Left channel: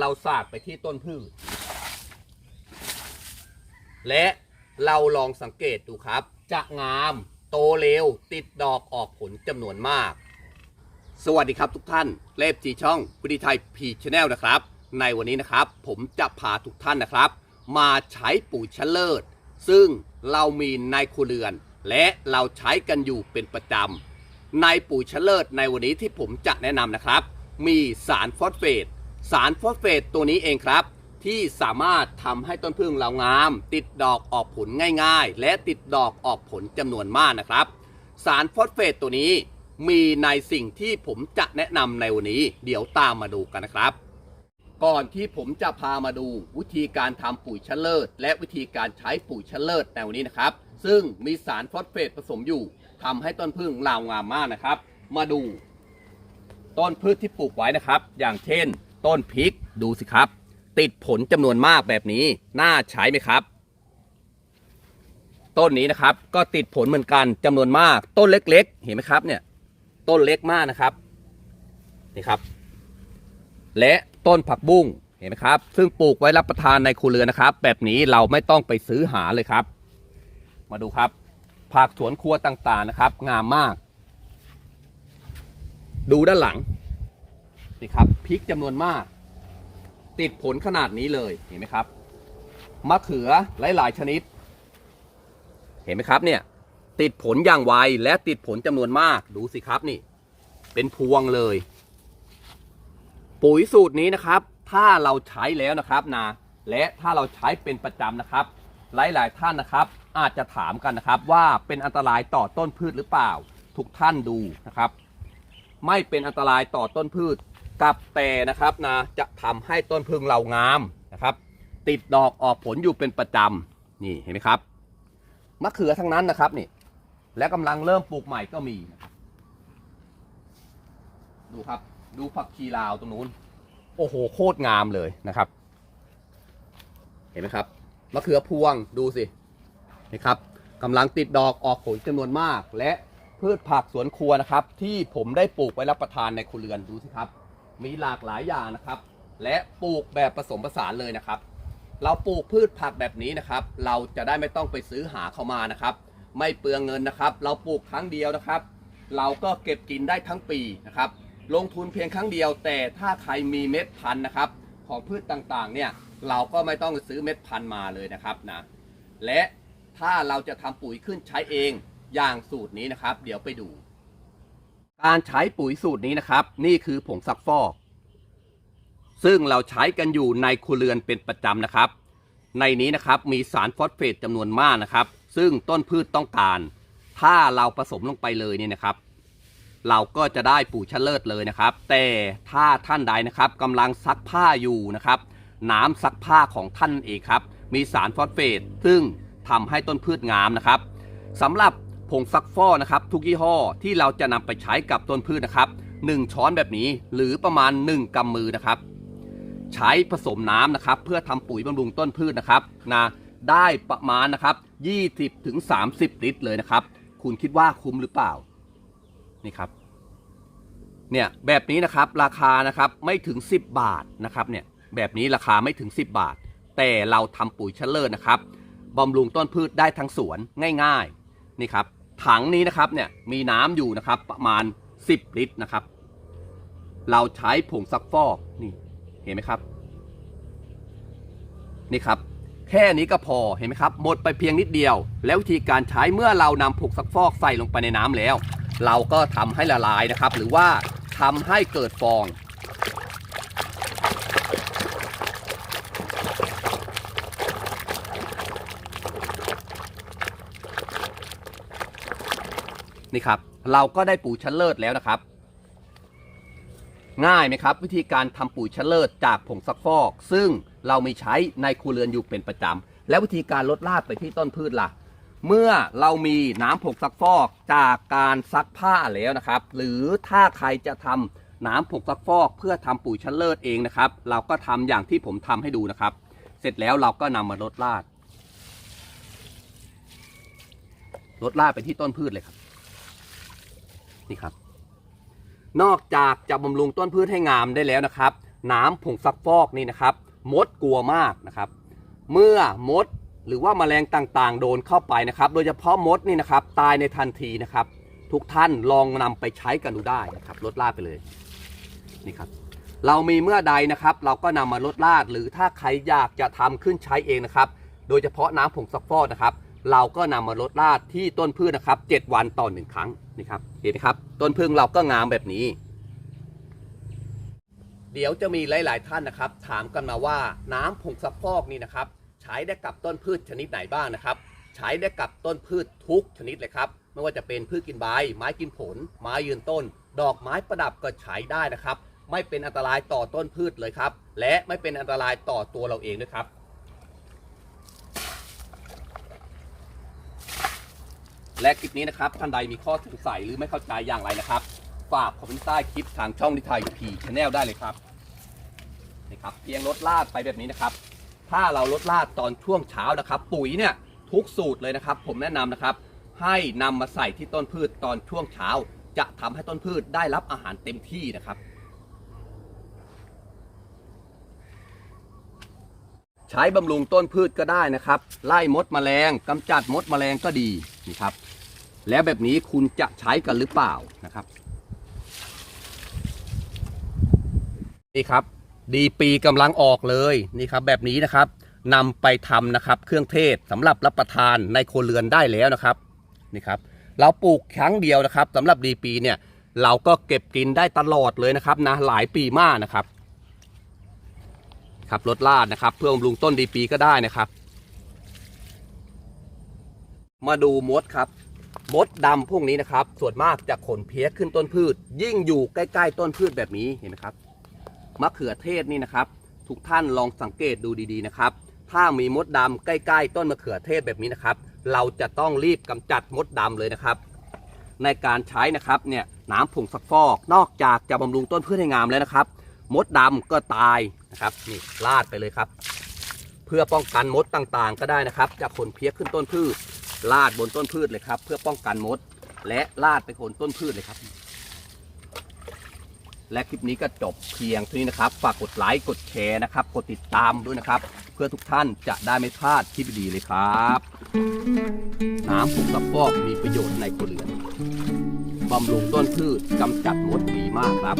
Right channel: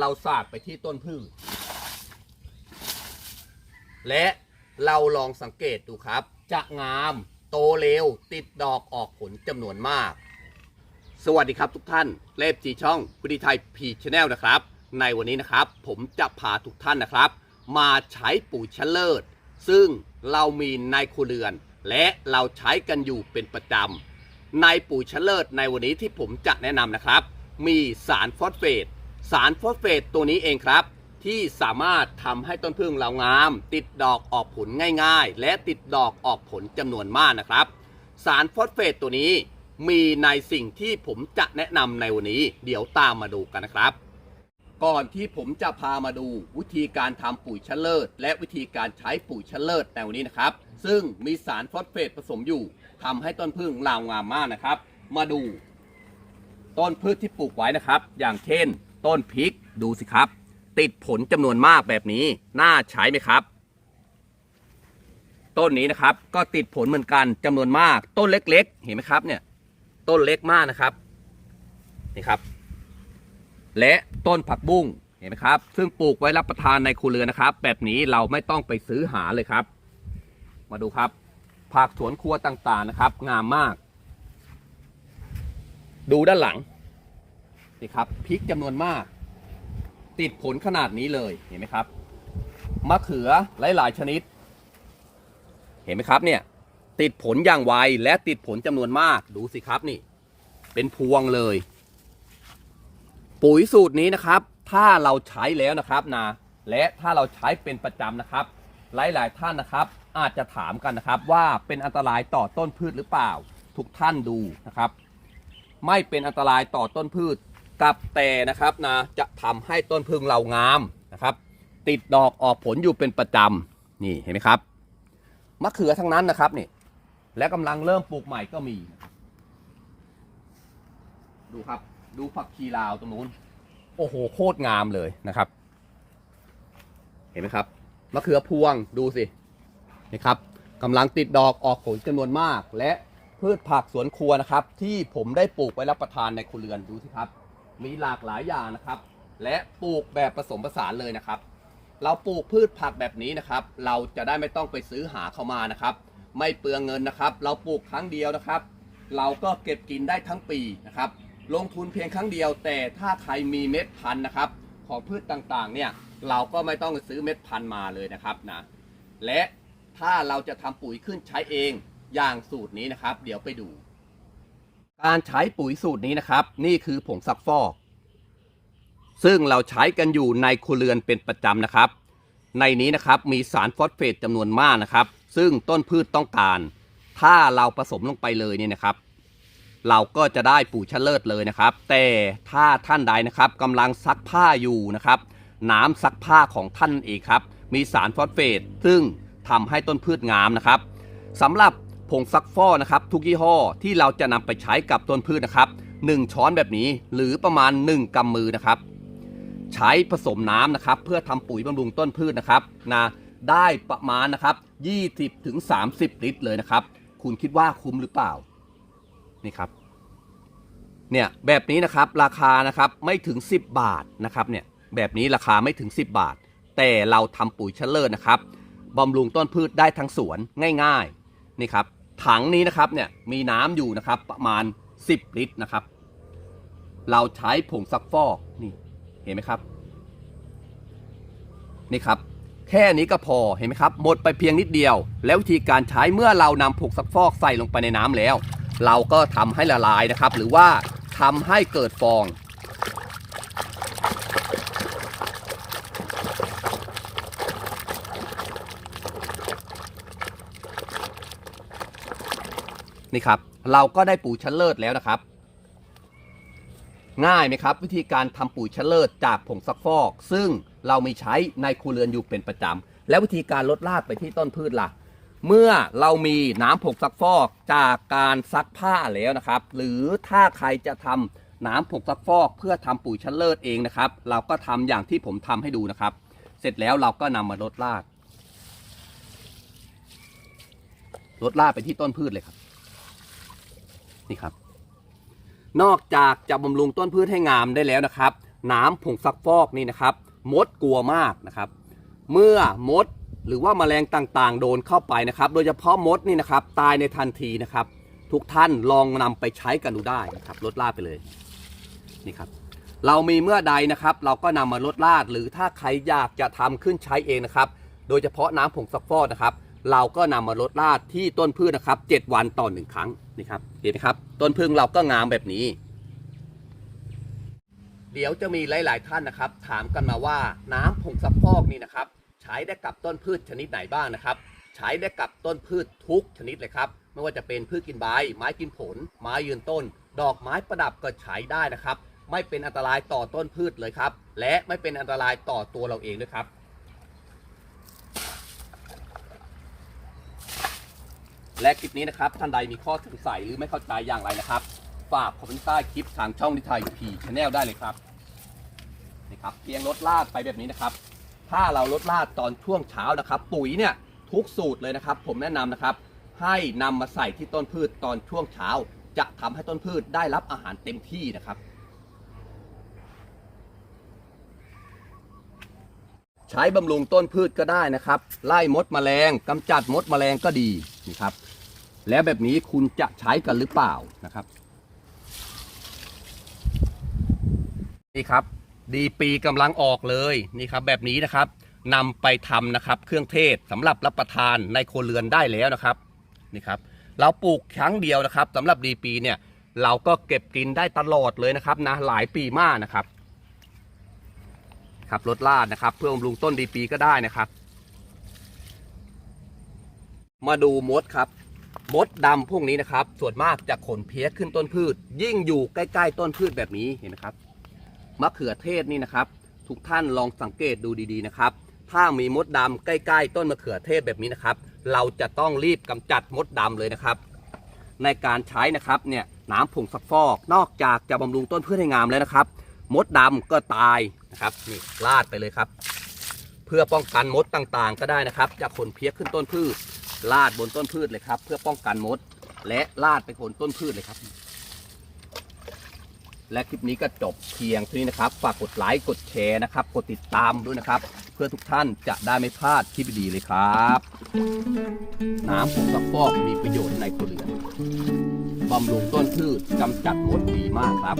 เราสาดไปที่ต้นพืช และเราลองสังเกตดูครับ จะงามโตเร็ว ติดดอกออกผลจำนวนมาก สวัสดีครับทุกท่าน เลฟจีช่องพุทธิไทยพีชแนลนะครับ ในวันนี้นะครับ ผมจะพาทุกท่านนะครับ มาใช้ปุ๋ยชะเลิศ ซึ่งเรามีในครัวเรือน และเราใช้กันอยู่เป็นประจำในปุ๋ยชะเลิศในวันนี้ที่ผมจะแนะนำนะครับ มีสารฟอสเฟต สารฟอสเฟตตัวนี้เองครับ ที่สามารถทำให้ต้นพึ่งเรางาม ติดดอกออกผลง่ายๆ และติดดอกออกผลจำนวนมากนะครับ สารฟอสเฟตตัวนี้มีในสิ่งที่ผมจะแนะนำในวันนี้ เดี๋ยวตามมาดูกันนะครับ ก่อนที่ผมจะพามาดูวิธีการทำปุ๋ยชะเลิศและวิธีการใช้ปุ๋ยชะเลิศในวันนี้นะครับ ซึ่งมีสารฟอสเฟตผสมอยู่ทำให้ต้นพึ่งลางามมากนะครับ มาดู ต้นพืชที่ปลูกไว้นะครับ อย่างเช่น ต้นพริกดูสิครับ ติดผลจำนวนมากแบบนี้ น่าใช้ไหมครับ ต้นนี้นะครับ ก็ติดผลเหมือนกันจำนวนมาก ต้นเล็ก ๆ เห็นไหมครับ เนี่ย ต้นเล็กมากนะครับนี่ครับ และต้นผักบุ้งเห็นไหมครับ ซึ่งปลูกไว้รับประทานในครัวเรือนนะครับ แบบนี้เราไม่ต้องไปซื้อหาเลยครับ มาดูครับ ผักสวนครัวต่างๆนะครับ งามมาก ดูด้านหลัง นี่ครับพริกจำนวนมาก ติดผลขนาดนี้เลยเห็นไหมครับมะเขือหลายๆชนิด เห็นไหมครับเนี่ย ติดผลอย่างไวและติดผลจำนวนมากดูสิครับนี่ เป็นพวงเลย ปุ๋ยสูตรนี้นะครับ ถ้าเราใช้แล้วนะครับนะและถ้าเราใช้เป็นประจำนะครับ หลายๆท่านนะครับ อาจจะถามกันนะครับ ว่าเป็นอันตรายต่อต้นพืชหรือเปล่า ทุกท่านดูนะครับ ไม่เป็นอันตรายต่อต้นพืช กับแต่นะครับนะจะทำให้ต้นพึ่งเรางามนะครับ ติดดอกออกผลอยู่เป็นประจำนี่เห็นไหมครับมะเขือทั้งนั้นนะครับนี่ และกำลังเริ่มปลูกใหม่ก็มีนะครับดูครับ ดูผักชีลาวตรงนู้น โอ้โหโคตรงามเลยนะครับ เห็นไหมครับมะเขือพวงดูสินะครับกำลังติดดอกออกผลจำนวนมาก และพืชผักสวนครัวนะครับ ที่ผมได้ปลูกไว้รับประทานในครัวเรือนดูสิครับ มีหลากหลายอย่างนะครับ และปลูกแบบผสมผสานเลยนะครับ เราปลูกพืชผักแบบนี้นะครับ เราจะได้ไม่ต้องไปซื้อหาเข้ามานะครับ ไม่เปลืองเงินนะครับ เราปลูกครั้งเดียวนะครับ เราก็เก็บกินได้ทั้งปีนะครับ ลงทุนเพียงครั้งเดียว แต่ถ้าใครมีเม็ดพันธุ์นะครับ ของพืชต่างๆ เนี่ยเราก็ไม่ต้องซื้อเม็ดพันธุ์มาเลยนะครับนะและถ้าเราจะทำปุ๋ยขึ้นใช้เองอย่างสูตรนี้นะครับ เดี๋ยวไปดู การใช้ปุ๋ยสูตรนี้นะครับ นี่คือผงซักฟอก ซึ่งเราใช้กันอยู่ในครัวเรือนเป็นประจำนะครับ ในนี้นะครับมีสารฟอสเฟตจำนวนมากนะครับ ซึ่งต้นพืชต้องการ ถ้าเราผสมลงไปเลยเนี่ยนะครับ เราก็จะได้ปุ๋ยชะเลิศเลยนะครับ แต่ถ้าท่านใดนะครับกำลังซักผ้าอยู่นะครับ น้ำซักผ้าของท่านเองครับ มีสารฟอสเฟตซึ่งทำให้ต้นพืชงามนะครับสำหรับ ผงซักฟอกนะครับทุกยี่ห้อที่เราจะนำไปใช้กับต้นพืชนะครับ 1 ช้อนแบบนี้หรือประมาณ 1กำมือนะครับ ใช้ผสมน้ำนะครับ เพื่อทำปุ๋ยบำรุงต้นพืชนะครับนะได้ประมาณนะครับ 20ถึง30 ลิตรเลยนะครับ คุณคิดว่าคุ้มหรือเปล่านี่ครับเนี่ยแบบนี้นะครับราคานะครับไม่ถึง 10 บาทนะครับเนี่ยแบบนี้ราคาไม่ถึง 10 บาท แต่เราทำปุ๋ยเชลเลอร์นะครับบำรุงต้นพืชได้ทั้งสวนง่าย ๆนี่ครับ ถังนี้นะครับเนี่ยมีน้ำอยู่นะครับประมาณ 10 ลิตรนะครับ เราใช้ผงซักฟอกนี่เห็นไหมครับ นี่ครับ แค่นี้ก็พอเห็นไหมครับ หมดไปเพียงนิดเดียว แล้ววิธีการใช้เมื่อเรานำผงซักฟอกใส่ลงไปในน้ำแล้ว เราก็ทำให้ละลายนะครับ หรือว่าทำให้เกิดฟอง นี่ครับ เราก็ได้ปุ๋ยชั้นเลิศแล้วนะครับ ง่ายไหมครับ วิธีการทำปุ๋ยชะเลิศจากผงซักฟอก ซึ่งเรามีใช้ในครัวเรือนอยู่เป็นประจำและวิธีการลดลาดไปที่ต้นพืชล่ะ เมื่อเรามีน้ำผงซักฟอกจากการซักผ้าแล้วนะครับ หรือถ้าใครจะทำน้ำผงซักฟอกเพื่อทำปุ๋ยชะเลิศเองนะครับ เราก็ทำอย่างที่ผมทำให้ดูนะครับ เสร็จแล้วเราก็นำมาลดลาดลดลาดไปที่ต้นพืชเลยครับ นี่ครับ นอกจากจะบำรุงต้นพืชให้งามได้แล้วนะครับ น้ำผงซักฟอกนี่นะครับ มดกลัวมากนะครับ เมื่อมดหรือว่าแมลงต่างๆ โดนเข้าไปนะครับ โดยเฉพาะมดนี่นะครับ ตายในทันทีนะครับ ทุกท่านลองนำไปใช้กันดูได้นะครับลดลาดไปเลยนี่ครับ เรามีเมื่อใดนะครับ เราก็นำมาลดลาดหรือถ้าใครอยากจะทำขึ้นใช้เองนะครับ โดยเฉพาะน้ำผงซักฟอกนะครับ เราก็นำมาลดลาดที่ต้นพืชนะครับ 7 วันต่อหนึ่งครั้งนี่ครับเห็นไหมครับ ต้นพึ่งเราก็งามแบบนี้ เดี๋ยวจะมีหลาย ๆ ท่านนะครับ ถามกันมาว่าน้ำผงซักฟอกนี่นะครับ ใช้ได้กับต้นพืชชนิดไหนบ้างนะครับ ใช้ได้กับต้นพืชทุกชนิดเลยครับไม่ว่าจะเป็นพืชกินใบ ไม้กินผล ไม้ยืนต้น ดอกไม้ประดับก็ใช้ได้นะครับ ไม่เป็นอันตรายต่อต้นพืชเลยครับ และไม่เป็นอันตรายต่อตัวเราเองด้วยครับ และคลิปนี้นะครับท่านใดมีข้อสงสัยหรือไม่เข้าใจอย่างไรนะครับ ฝากคอมเมนต์ใต้คลิปทางช่องนิทายพีชแนลได้เลยครับนะครับเพียงลดลาดไปแบบนี้นะครับ ถ้าเราลดลาดตอนช่วงเช้านะครับ ปุ๋ยเนี่ยทุกสูตรเลยนะครับ ผมแนะนำนะครับ ให้นำมาใส่ที่ต้นพืชตอนช่วงเช้า จะทำให้ต้นพืชได้รับอาหารเต็มที่นะครับใช้บำรุงต้นพืชก็ได้นะครับ ไล่มดแมลงกำจัดมดแมลงก็ดีนะครับ แล้วแบบนี้คุณจะใช้กันหรือเปล่านะครับนี่ครับ ดีปีกำลังออกเลยนี่ครับ แบบนี้นะครับนำไปทำนะครับ เครื่องเทศสำหรับรับประทานในครัวเรือนได้แล้วนะครับนี่ครับ เราปลูกครั้งเดียวนะครับสำหรับดีปีเนี่ยเราก็เก็บกินได้ตลอดเลยนะครับนะหลายปีมากนะครับครับลดลาดนะครับ เพื่อบำรุงต้นดีปีก็ได้นะครับ มาดูมดครับ มดดำพวกนี้นะครับ ส่วนมากจะขนเพี้ยขึ้นต้นพืช ยิ่งอยู่ใกล้ ๆ ต้นพืชแบบนี้เห็นไหมครับมะเขือเทศนี่นะครับ ทุกท่านลองสังเกตดูดีๆนะครับ ถ้ามีมดดำใกล้ ๆ ต้นมะเขือเทศแบบนี้นะครับ เราจะต้องรีบกำจัดมดดำเลยนะครับ ในการใช้นะครับเนี่ยน้ำผงซักฟอก นอกจากจะบำรุงต้นพืชให้งามแล้วนะครับ มดดำก็ตายนะครับนี่ลาดไปเลยครับ เพื่อป้องกันมดต่างๆ ก็ได้นะครับจากขนเพี้ยขึ้นต้นพืช ลาดบนต้นพืชเลยครับ เพื่อป้องกันมด และลาดไปโคนต้นพืชเลยครับ และคลิปนี้ก็จบเพียงเท่านี้นะครับ ฝากกดไลค์กดแชร์นะครับ กดติดตามด้วยนะครับ เพื่อทุกท่านจะได้ไม่พลาดคลิปดีๆเลยครับ น้ำผงซักฟอกมีประโยชน์ในครัวเรือนบำรุงต้นพืชกำจัดมดดีมากครับ